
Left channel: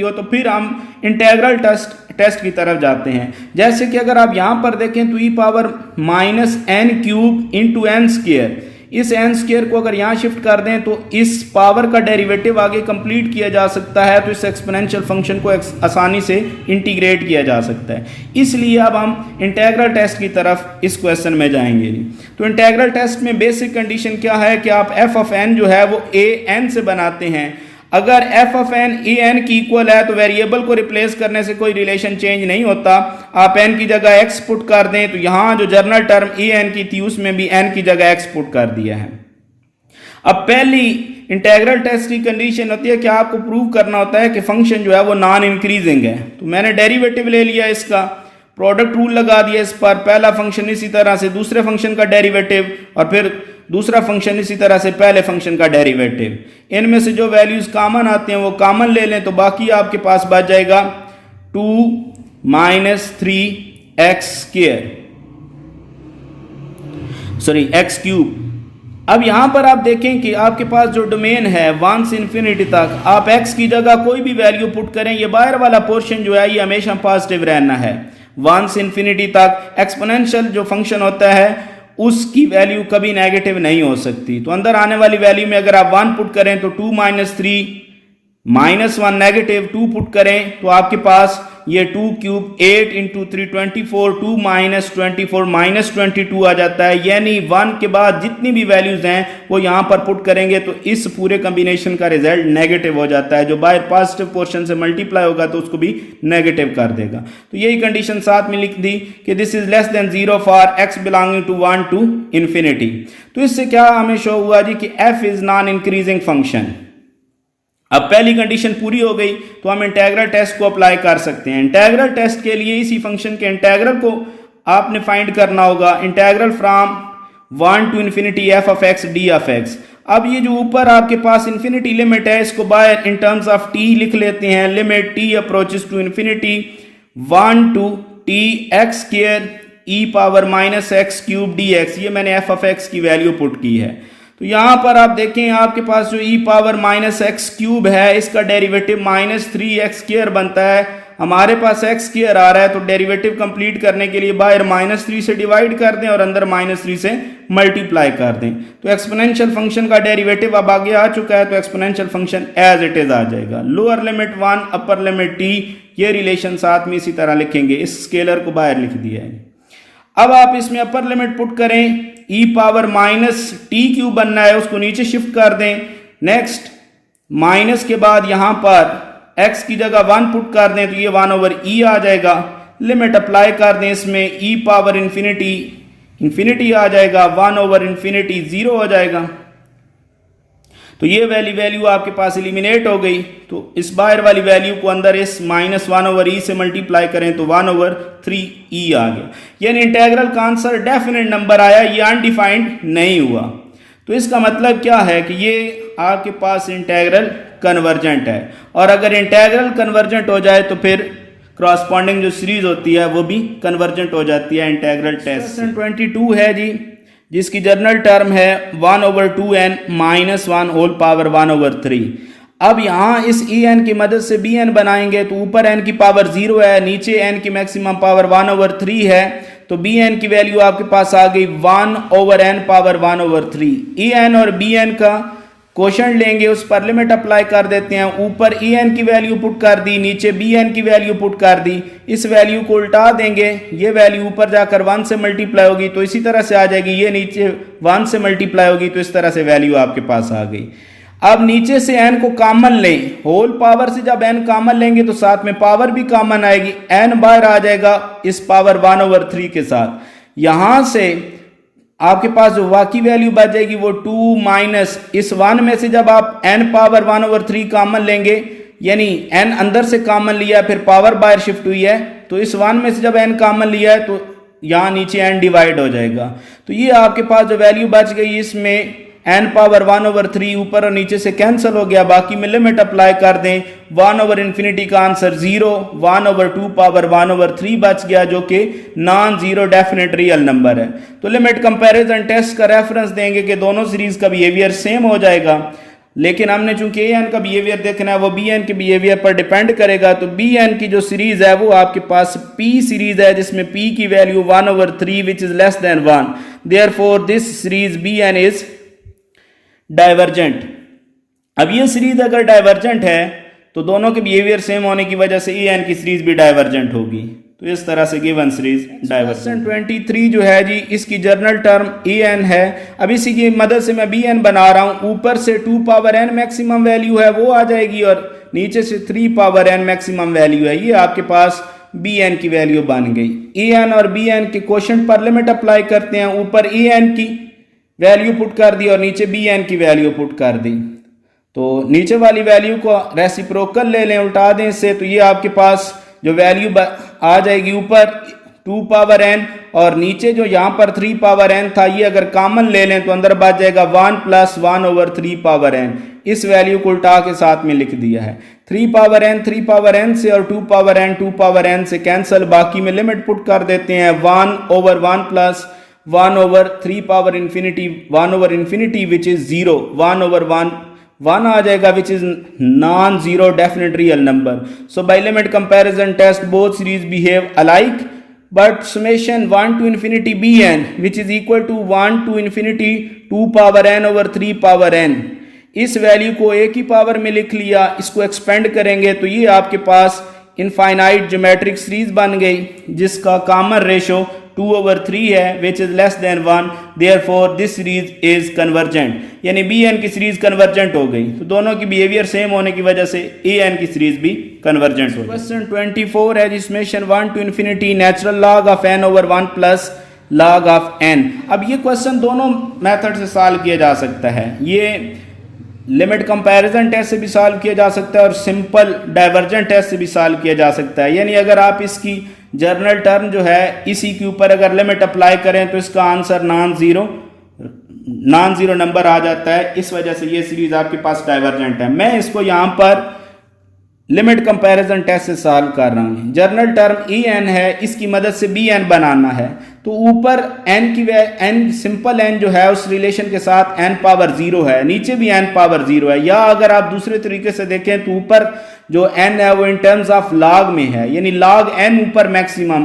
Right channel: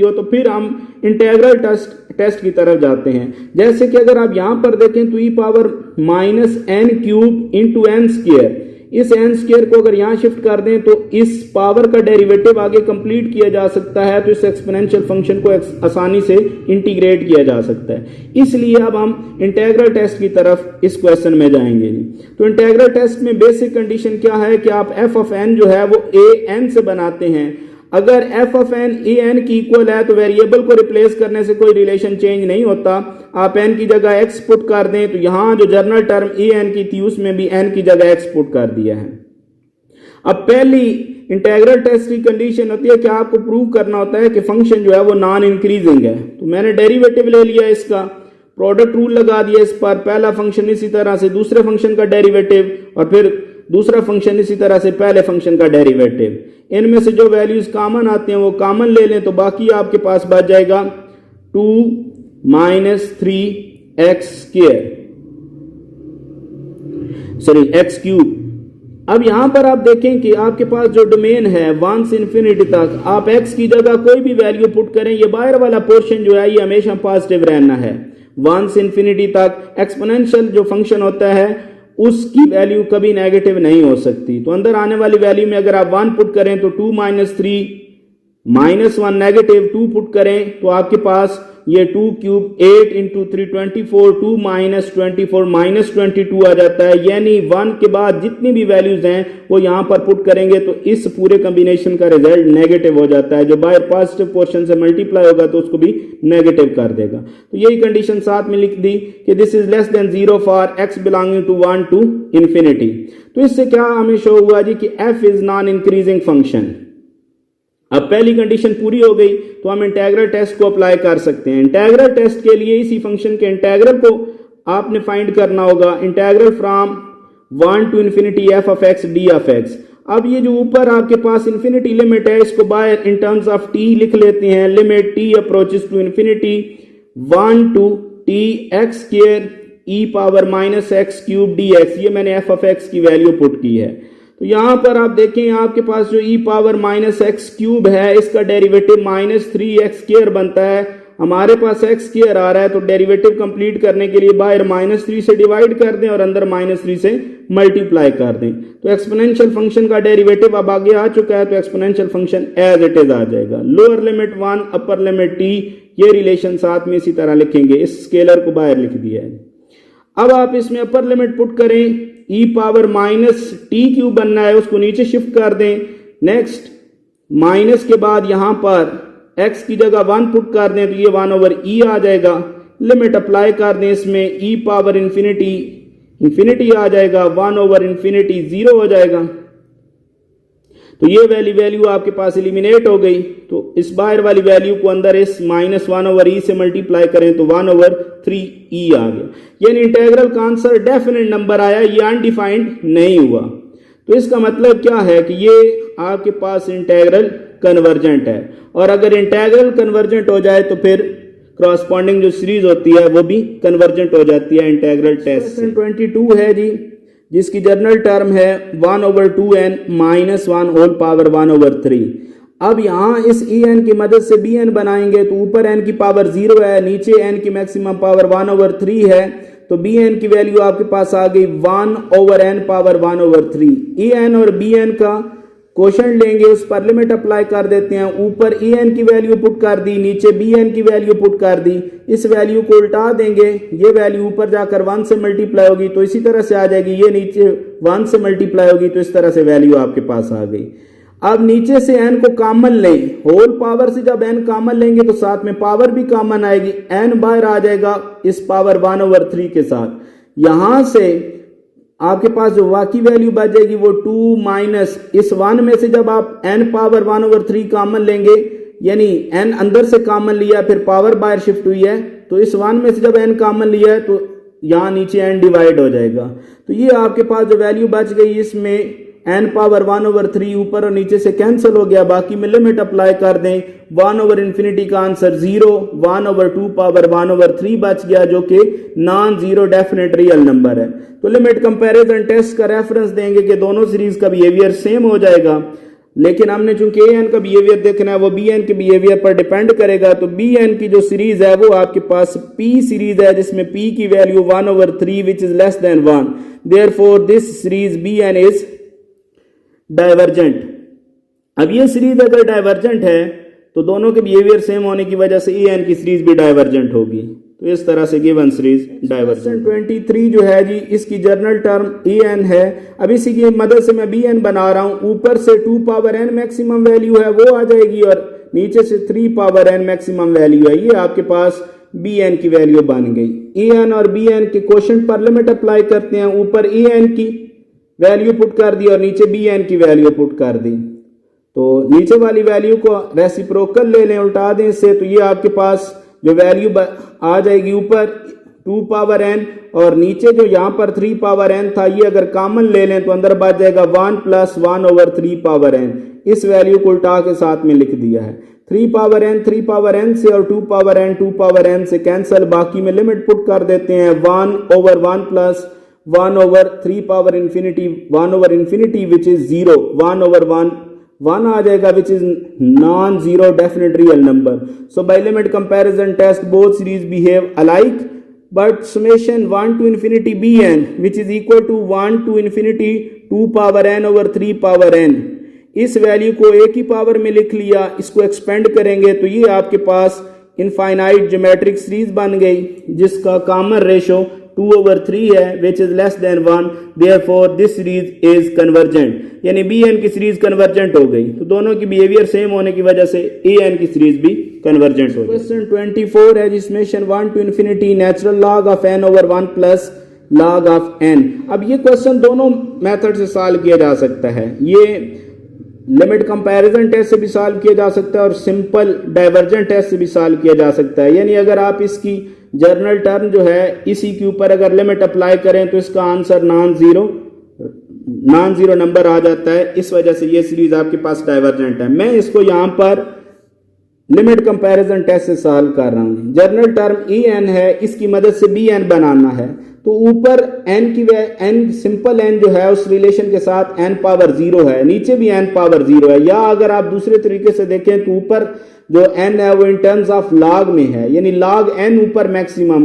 हो तो फिर हम इंटीग्रल टेस्ट की तरफ जाते हैं। जैसे कि अगर आप यहां पर देखें तो ई power minus n cube into n square, इस एन स्क्वायर को अगर यहाँ शिफ्ट कर दें तो इस पावर का डेरिवेटिव आगे कंप्लीट किया जा सकता है, तो इस एक्सपोनेंशियल फंक्शन को आसानी से इंटीग्रेट किया जा सकता है। इसलिए अब हम इंटीग्रल टेस्ट की तरफ इस क्वेश्चन में जाएंगे। तो इंटीग्रल टेस्ट में बेसिक कंडीशन क्या है कि आप एफ ऑफ एन जो है वो ए एन से बनाते हैं। अगर f of n a n की इक्वल है तो वेरिएबल को रिप्लेस करने से कोई रिलेशन चेंज नहीं होता। आप एन की जगह एक्स पुट कर दें तो यहां जो जनरल टर्म ए एन की थी उसमें भी एन की जगह एक्स पुट कर दिया है। अब पहली इंटीग्रल टेस्ट की कंडीशन होती है कि आपको प्रूव करना होता है कि फंक्शन जो है वो नॉन इंक्रीजिंग है। तो मैंने डेरिवेटिव ले लिया, इसका प्रोडक्ट रूल लगा दिया इस पर, पहला फंक्शन इसी तरह से दूसरे फंक्शन का डेरिवेटिव और फिर दूसरा फंक्शन इसी तरह से पहले फंक्शन का डेरिवेटिव। इनमें से जो वैल्यूज कॉमन आते हैं वो कॉमन ले लें तो बाकी आपके पास बच जाएगा 2 minus 3x square, sorry x cube. अब यहां पर आप देखें कि आपके पास जो डोमेन है 1 से इंफिनिटी तक, आप x की जगह कोई भी वैल्यू पुट करें, ये बाहर वाला पोर्शन जो है ये हमेशा पॉजिटिव रहना है। 1 से इंफिनिटी तक एक्सपोनेंशियल जो फंक्शन होता है उसकी वैल्यू कभी नेगेटिव नहीं हो सकती। तो अंदर आने वाली वैल्यू में अगर आप 1 पुट करें तो 2 माइनस 3 माइनस 1 नेगेटिव, 2 पुट करें तो आपके पास ये 2 क्यूब 8 इंटू 3 24, 2 माइनस 24 माइनस 22 आ जाता है। यानी 1 के बाद जितनी भी वैल्यूज हैं वो यहाँ पर पुट करेंगे तो इस पूरे कॉम्बिनेशन का रिजल्ट नेगेटिव हो जाता है। जो बाहर पॉजिटिव पोर्शन से मल्टीप्लाई होगा तो उसको भी नेगेटिव कर देगा। तो यही कंडीशन साथ में लिख दी कि this is less than 0 for x belonging to 1 to infinity. तो इससे क्या हमें शो हुआ जी कि f is non increasing function. अब पहली कंडीशन पूरी हो गई तो हम इंटीग्रल टेस्ट को अप्लाई कर सकते हैं। इंटीग्रल टेस्ट के लिए इसी फंक्शन के इंटीग्रल को आपने फाइंड करना होगा, integral from 1 to infinity f of x d of x. अब ये जो ऊपर आपके पास इंफिनिटी लिमिट है इसको बाहर इन टर्म्स ऑफ टी लिख लेते हैं। Limit t approaches to infinity 1 to t x square e power minus x cube d x. ये मैंने एफ ऑफ एक्स की वैल्यू पुट की है। तो यहां पर आप देखें आपके पास जो e power minus x cube है इसका डेरिवेटिव माइनस 3x स्क्वायर बनता है। हमारे पास x स्क्वायर आ रहा है तो डेरिवेटिव कंप्लीट करने के लिए बाहर माइनस 3 से डिवाइड कर दें और अंदर माइनस 3 से मल्टीप्लाई कर दें। तो एक्सपोनेंशियल फंक्शन का डेरिवेटिव अब आगे आ चुका है तो exponential function as it is आ जाएगा। Lower limit 1 upper limit t, ये रिलेशन साथ में इसी तरह लिखेंगे। इस स्केलर को बाहर लिख दिया है। अब आप इसमें अपर लिमिट पुट करें, e power minus T cube बनना है उसको नीचे शिफ्ट कर दें। नेक्स्ट माइनस के बाद यहां पर x की जगह 1 पुट कर दें तो ये 1 ओवर e आ जाएगा। लिमिट अप्लाई कर दें, इसमें e पावर इंफिनिटी आ जाएगा, 1 ओवर इंफिनिटी 0 हो जाएगा। तो ये वैल्यू आपके पास एलिमिनेट हो गई। तो इस बाहर वाली वैल्यू को अंदर इस माइनस 1 ओवर ई से मल्टीप्लाई करें तो 1 ओवर 3e आ गया। यानी इंटीग्रल का आंसर डेफिनेट नंबर आया, ये अनडिफाइंड नहीं हुआ। तो इसका मतलब क्या है कि ये आपके पास इंटीग्रल कन्वर्जेंट है। और अगर इंटीग्रल कन्वर्जेंट हो जाए तो फिर क्रॉसपॉन्डिंग जो सीरीज होती है वो भी कन्वर्जेंट हो जाती है इंटीग्रल टेस्ट। 22 है जी, जिसकी जनरल टर्म है 1 over 2n minus 1 whole power 1 over 3। अब यहाँ इस ई एन की मदद से बी एन बनाएंगे तो ऊपर एन की पावर 0 है, नीचे एन की मैक्सिमम पावर 1 ओवर 3 है। तो बी एन की वैल्यू आपके पास आ गई 1 over n power 1 over 3। E n और बी एन का क्वोशंट लेंगे, उस पर लिमिट अप्लाई कर देते हैं। ऊपर ई एन की वैल्यू पुट कर दी, नीचे बी एन की वैल्यू पुट कर दी। इस वैल्यू को उल्टा देंगे, ये वैल्यू ऊपर जाकर 1 से मल्टीप्लाई होगी तो इसी तरह से आ जाएगी। ये नीचे 1 से मल्टीप्लाई होगी तो इस तरह से वैल्यू आपके पास आ गई। अब नीचे से n को कॉमन लें, होल पावर से जब n कॉमन लेंगे तो साथ में पावर भी कॉमन आएगी, n बाहर आ जाएगा इस पावर 1 ओवर 3 के साथ। यहां से आपके पास जो बाकी वैल्यू बच जाएगी वो 2 माइनस इस 1 में से जब आप n पावर 1 ओवर 3 कॉमन लेंगे, यानी n अंदर से कॉमन लिया फिर पावर बाहर शिफ्ट हुई है, तो इस 1 में से जब n कॉमन लिया है तो यहाँ नीचे n डिवाइड हो जाएगा। तो ये आपके पास जो वैल्यू बच गई इसमें n पावर 1 ओवर 3 ऊपर और नीचे से कैंसिल हो गया, बाकी में लिमिट अप्लाई कर दें। 1 ओवर इन्फिनिटी का आंसर 0, 1 ओवर 2 पावर 1 ओवर 3 बच गया जो कि non zero definite real number है। तो लिमिट कंपैरिजन टेस्ट का रेफरेंस देंगे कि दोनों सीरीज का बिहेवियर सेम हो जाएगा, लेकिन हमने चूंकि ए एन का बिहेवियर देखना है वो बी एन के बिहेवियर पर डिपेंड करेगा। तो बी एन की जो सीरीज है वो आपके पास पी सीरीज है जिसमें पी की value 1 over 3 which is less than 1, therefore this series b n is divergent. अब ये सीरीज अगर डाइवर्जेंट है तो दोनों के बिहेवियर सेम होने की वजह से ए एन की सीरीज भी डाइवर्जेंट होगी। तो इस तरह से गिवन सीरीज डाइवर्जेंट। 23 जो है जी, इसकी जर्नल टर्म ए एन है। अब इसी की मदद से मैं बी एन बना रहा हूँ। ऊपर से 2 पावर एन मैक्सिमम वैल्यू है वो आ जाएगी और नीचे से 3 पावर एन मैक्सिमम वैल्यू है। ये आपके पास बी एन की वैल्यू बन गई। ए एन और बी एन के क्वोशंट पर लिमिट अप्लाई करते हैं। ऊपर ए एन की वैल्यू पुट कर दी और नीचे बी एन की वैल्यू पुट कर दी। तो नीचे वाली वैल्यू को रेसिप्रोकल ले लें, उल्टा दें इससे, तो ये आपके पास जो वैल्यू आ जाएगी ऊपर 2 पावर एन और नीचे जो यहाँ पर 3 पावर एन था, ये अगर कॉमन ले लें तो अंदर बच जाएगा 1 + 1/3 पावर एन। इस वैल्यू को उल्टा के साथ में लिख दिया है। 3 पावर एन से और 2 पावर एन से कैंसिल, बाकी में लिमिट पुट कर देते हैं 1/1 + 1/3 power infinity 1/infinity which is 0, 1/1 1 आ जाएगा which is non zero definite real number. So by limit comparison test both series behave alike but summation 1 to infinity bn which is equal to 1 to infinity 2 power n/3 power n। इस वैल्यू को एक ही पावर में लिख लिया, इसको एक्सपेंड करेंगे तो ये आपके पास इनफाइनाइट ज्योमेट्रिक सीरीज बन गई जिसका कॉमन रेशो 2/3 है विच is less than 1। Therefore this series is convergent, यानी बी एन की सीरीज कन्वर्जेंट हो गई। तो दोनों की बिहेवियर सेम होने की वजह से ए एन की सीरीज भी कन्वर्जेंट हो गई। क्वेश्चन 24 है जी, summation 1 to infinity natural log of n/1 plus log of n। अब ये क्वेश्चन दोनों मेथड से सॉल्व किया जा सकता है। ये लिमिट कंपैरिजन टेस्ट से भी सॉल्व किया जा सकता है और सिंपल डाइवर्जेंट टेस्ट से भी सॉल्व किया जा सकता है। यानी अगर आप इसकी जर्नल टर्म जो है इसी के ऊपर अगर लिमिट अप्लाई करें तो इसका आंसर नॉन जीरो नंबर आ जाता है। इस वजह से ये सीरीज आपके पास डाइवर्जेंट है। मैं इसको यहां पर लिमिट कंपैरिजन टेस्ट से सॉल्व कर रहा हूं। जर्नल टर्म ई एन है, इसकी मदद से बी एन बनाना है। तो ऊपर n सिंपल n जो है उस रिलेशन के साथ n पावर 0 है, नीचे भी n पावर 0 है। या अगर आप दूसरे तरीके से देखें तो ऊपर जो n है वो इन टर्म्स ऑफ log में है, यानी log n ऊपर मैक्सिमम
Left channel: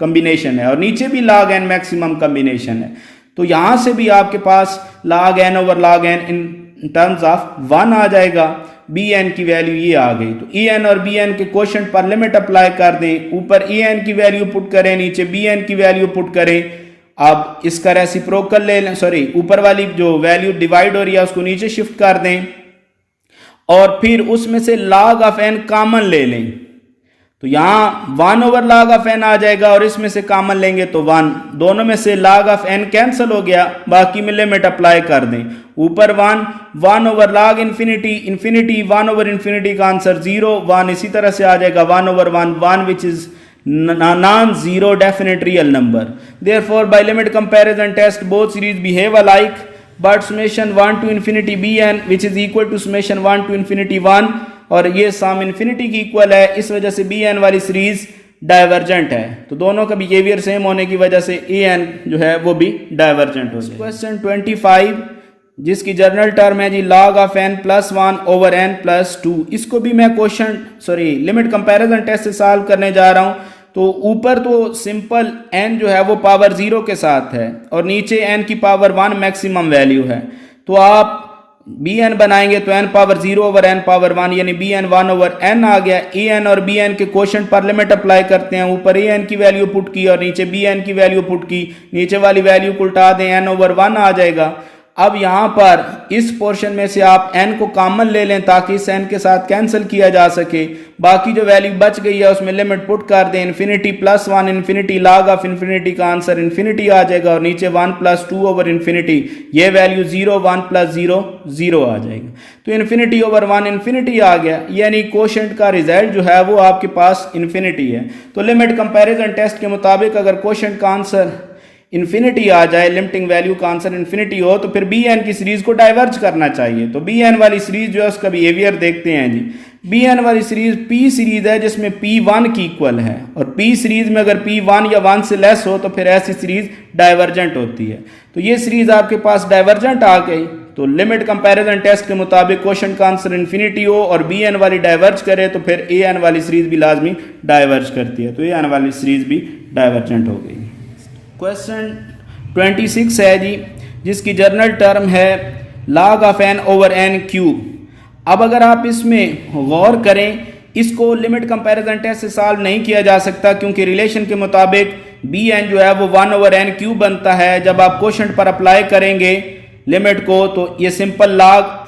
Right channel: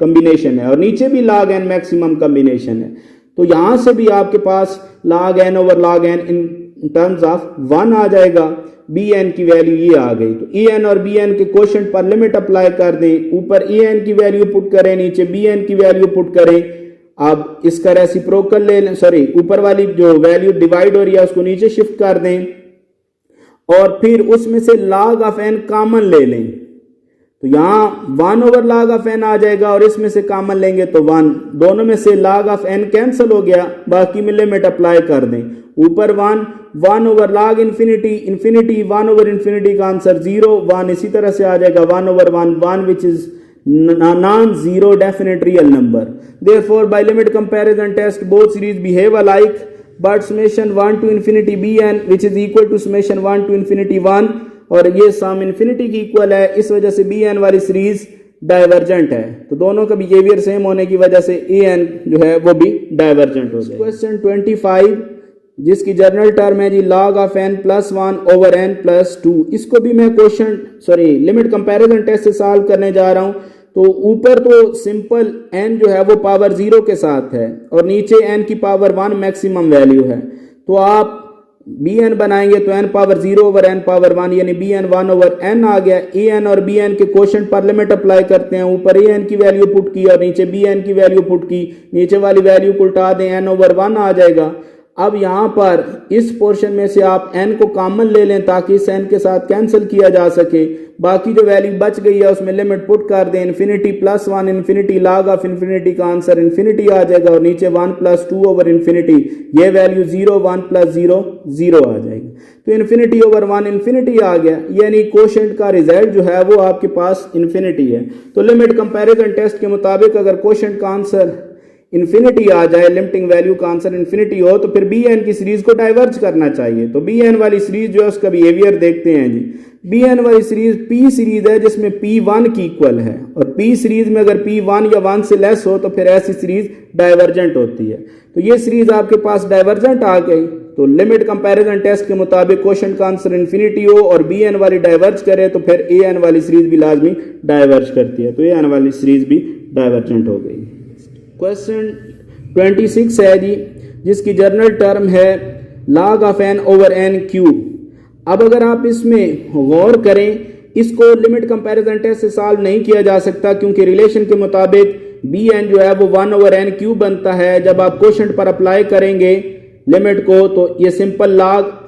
कॉम्बिनेशन है और नीचे भी log n मैक्सिमम कॉम्बिनेशन है। तो यहां से भी आपके पास log n/log n in terms of 1 आ जाएगा। बी एन की वैल्यू ये आ गई। तो ई एन और बी एन के क्वोशंट पर लिमिट अप्लाई कर दें। ऊपर ई एन की वैल्यू पुट करें, नीचे बी एन की वैल्यू पुट करें। अब इसका रेसिप्रोकल ले लें, सॉरी ऊपर वाली जो वैल्यू डिवाइड हो रही है उसको नीचे शिफ्ट कर दें और फिर उसमें से log of n कॉमन ले लें। तो यहां 1/log of n आ जाएगा और इसमें से कॉमन लेंगे तो 1। दोनों में से log of n कैंसिल हो गया, बाकी में लिमिट अप्लाई कर दें। ऊपर 1/log infinity 1/infinity का आंसर 0, 1 इसी तरह से आ जाएगा 1/1 1 which is non zero definite real number. Therefore by limit comparison test both series behave alike but summation 1 to infinity bn which is equal to summation 1 to infinity 1 और ये सम इन्फिनिटी की इक्वल है। इस वजह से बी एन वाली सीरीज डाइवर्जेंट है। तो दोनों का बिहेवियर सेम होने की वजह से ए एन जो है वो भी डाइवर्जेंट हो जाए। क्वेश्चन 25 जिसकी जर्नल टर्म है जी log of n + 1/n + 2। इसको भी मैं लिमिट कंपैरिजन टेस्ट से सॉल्व करने जा रहा हूं। तो ऊपर तो सिंपल n जो है वो पावर 0 के साथ है और नीचे n की पावर 1 मैक्सिमम वैल्यू है। तो आप बी एन बनाएंगे तो n पावर 0/n पावर 1 यानी बी एन 1/n आ गया। ए एन और बी एन के क्वोशंट पर लिमिट अप्लाई करते हैं। ऊपर ए एन की वैल्यू पुट की और नीचे बी एन की वैल्यू पुट की, नीचे वाली वैल्यू को उल्टा दें n/1 आ जाएगा। अब यहां पर इस पोर्शन में से आप n को कॉमन ले लें ताकि इस n के साथ कैंसिल किया जा सके। बाकी जो वैल्यू बच गई है उसमें लिमिट पुट कर दें। Infinity + 1 infinity log of infinity का आंसर इन्फिनिटी आ जाएगा और नीचे 1 + 2/infinity ये वैल्यू 0 1 + 0 0 आ जाएगा। तो इन्फिनिटी/1 इन्फिनिटी आ गया, यानी क्वोशंट का रिजल्ट जो है वो आपके पास इन्फिनिटी है। तो लिमिट कंपैरिजन टेस्ट के मुताबिक अगर क्वोशंट का आंसर इन्फिनिटी आ जाए, लिमिटिंग वैल्यू का आंसर इन्फिनिटी हो, तो फिर बी एन की सीरीज को डाइवर्ज करना चाहिए। तो बी एन वाली सीरीज जो है उसका बिहेवियर देखते हैं जी। बी एन वाली सीरीज पी सीरीज है जिसमें पी 1 की इक्वल है और पी सीरीज में अगर पी 1 या 1 से लेस हो तो फिर ऐसी सीरीज डाइवर्जेंट होती है। तो ये सीरीज आपके पास डाइवर्जेंट आ गई। तो लिमिट कंपैरिजन टेस्ट के मुताबिक क्वेश्चन का आंसर इन्फिनिटी हो और बी एन वाली डाइवर्ज करे तो फिर ए एन वाली सीरीज भी लाजमी डाइवर्ज करती है। तो ए एन वाली सीरीज भी डाइवर्जेंट हो गई। क्वेश्चन 26 है जी जिसकी जर्नल टर्म है log of n over n cube. अब अगर आप इसमें गौर करें, इसको लिमिट कंपैरिजन टेस्ट से सॉल्व नहीं किया जा सकता, क्योंकि रिलेशन के मुताबिक बी एन जो है वो 1 ओवर n क्यूब बनता है। जब आप क्वोशंट पर अप्लाई करेंगे लिमिट को तो ये सिंपल लॉग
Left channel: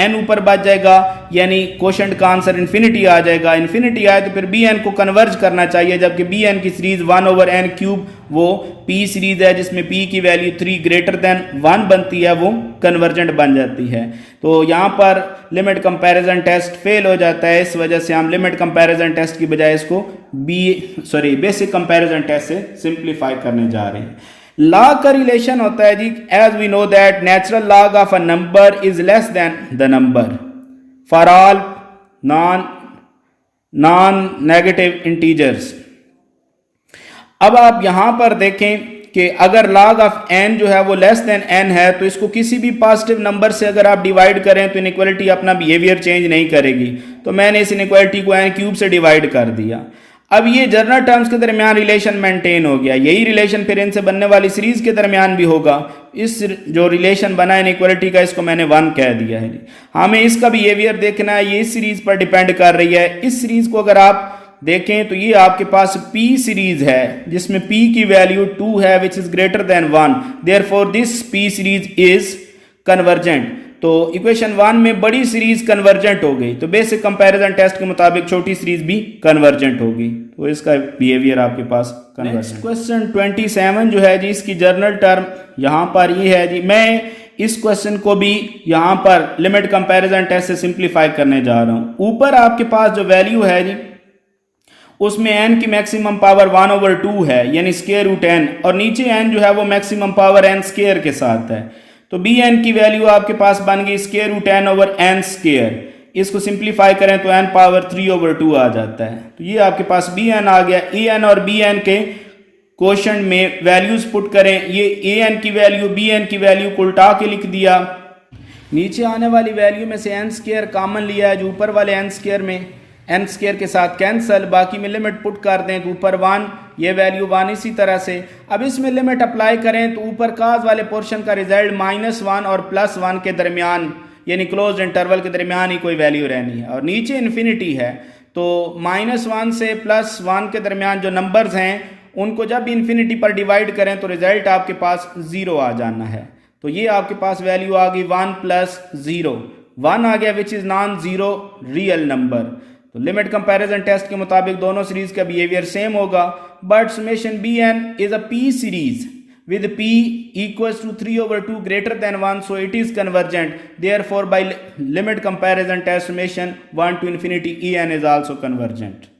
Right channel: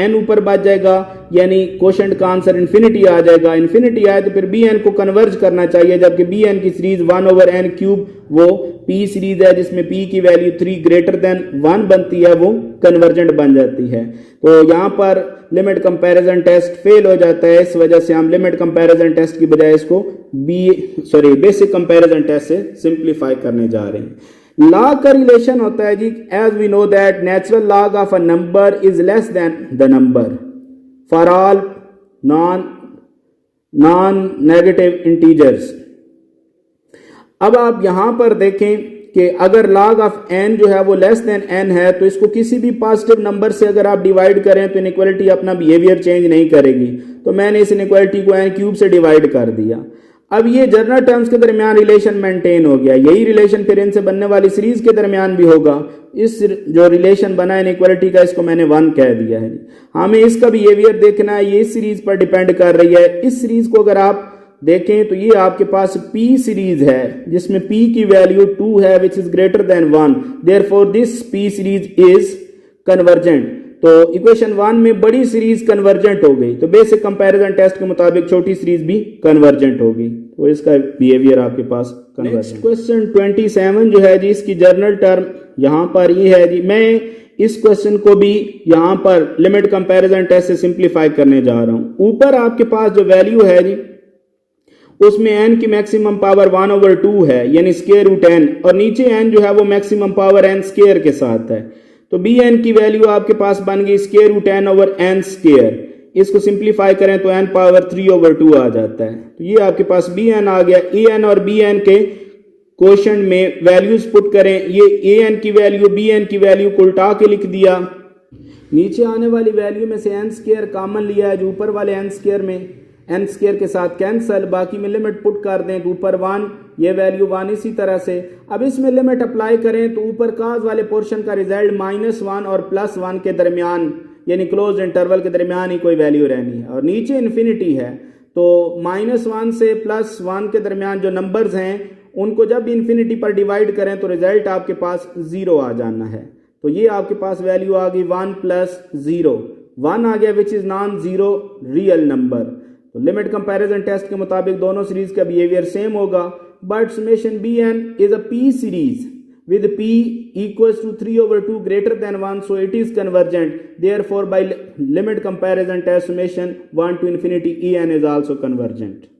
n ऊपर बच जाएगा, यानी क्वोशंट का आंसर इन्फिनिटी आ जाएगा। इन्फिनिटी आए तो फिर बी एन को कन्वर्ज करना चाहिए, जबकि बी एन की सीरीज 1 ओवर n क्यूब वो p सीरीज है जिसमें p की वैल्यू 3 ग्रेटर देन 1 बनती है, वो कन्वर्जेंट बन जाती है। तो यहाँ पर लिमिट कंपैरिजन टेस्ट फेल हो जाता है, इस वजह से हम लिमिट कंपैरिजन टेस्ट की बजाय इसको बेसिक कंपैरिजन टेस्ट से सिंप्लीफाई करने जा रहे हैं। लॉग का रिलेशन होता है जी, as we know that natural log of a number is less than the number for all non negative integers. अब आप यहां पर देखें कि अगर log ऑफ n जो है वो लेस देन n है, तो इसको किसी भी पॉजिटिव नंबर से अगर आप डिवाइड करें तो इनइक्वालिटी अपना बिहेवियर चेंज नहीं करेगी। तो मैंने इस इनइक्वालिटी को n क्यूब से डिवाइड कर दिया। अब ये जनरल टर्म्स के दरमियान रिलेशन मेंटेन हो गया, यही रिलेशन फिर इनसे बनने वाली सीरीज के दरमियान भी होगा। इस जो रिलेशन बना इनइक्वालिटी का, इसको मैंने 1 कह दिया है। हमें इसका बिहेवियर देखना है, ये इस सीरीज पर डिपेंड कर रही है। इस सीरीज को अगर आप देखें तो ये आपके पास p सीरीज है जिसमें p की वैल्यू 2 है which is greater then 1, therefore this p series is convergent. तो इक्वेशन 1 में बड़ी सीरीज कन्वर्जेंट हो गई, तो बेसिक कंपैरिजन टेस्ट के मुताबिक छोटी सीरीज भी कन्वर्जेंट होगी, तो इसका बिहेवियर आपके पास कन्वर्जेंट। क्वेश्चन 27 जो है जी, इसकी जर्नल टर्म यहाँ पर ये है जी। मैं इस क्वेश्चन को भी यहाँ पर लिमिट कंपैरिजन टेस्ट से सिंप्लीफाई करने जा रहा हूँ। ऊपर आपके पास जो वैल्यू है जी, उसमें n की मैक्सिमम पावर 1 ओवर 2 है, यानी स्क्वायर रूट n, और नीचे n जो है वो मैक्सिमम पावर n स्क्वायर के साथ है। तो बी एन की वैल्यू आपके पास बन गई square root n over n square. इसको सिंप्लीफाई करें तो n पावर 3 ओवर 2 आ जाता है। तो ये आपके पास बी एन आ गया। ए एन और बी एन के क्वोशंट में वैल्यूज पुट करें, ये ए एन की वैल्यू बी एन की वैल्यू को उल्टा के लिख दिया। नीचे आने वाली वैल्यू में से n स्क्वायर कॉमन लिया है, जो ऊपर वाले n स्क्वायर में n स्क्वायर के साथ कैंसल, बाकी में लिमिट पुट कर दें तो ऊपर 1, ये वैल्यू 1 इसी तरह से। अब इसमें लिमिट अप्लाई करें तो ऊपर काज वाले पोर्शन का रिजल्ट -1 और +1 के दरमियान, यानी क्लोज इंटरवल के दरमियान ही कोई वैल्यू रहनी है, और नीचे इन्फिनिटी है। तो -1 से +1 के दरमियान जो नंबर्स हैं उनको जब इन्फिनिटी पर डिवाइड करें तो रिजल्ट आपके पास 0 आ जाना है। तो ये आपके पास वैल्यू आ गई 1 + 0, 1 आ गया which is non zero real number. तो लिमिट कंपैरिजन टेस्ट के मुताबिक दोनों सीरीज का बिहेवियर सेम होगा, but summation bn is a p series with p equals to 3 over 2 greater than 1, so it is convergent. Therefore by limit comparison test summation 1 to infinity en is also convergent.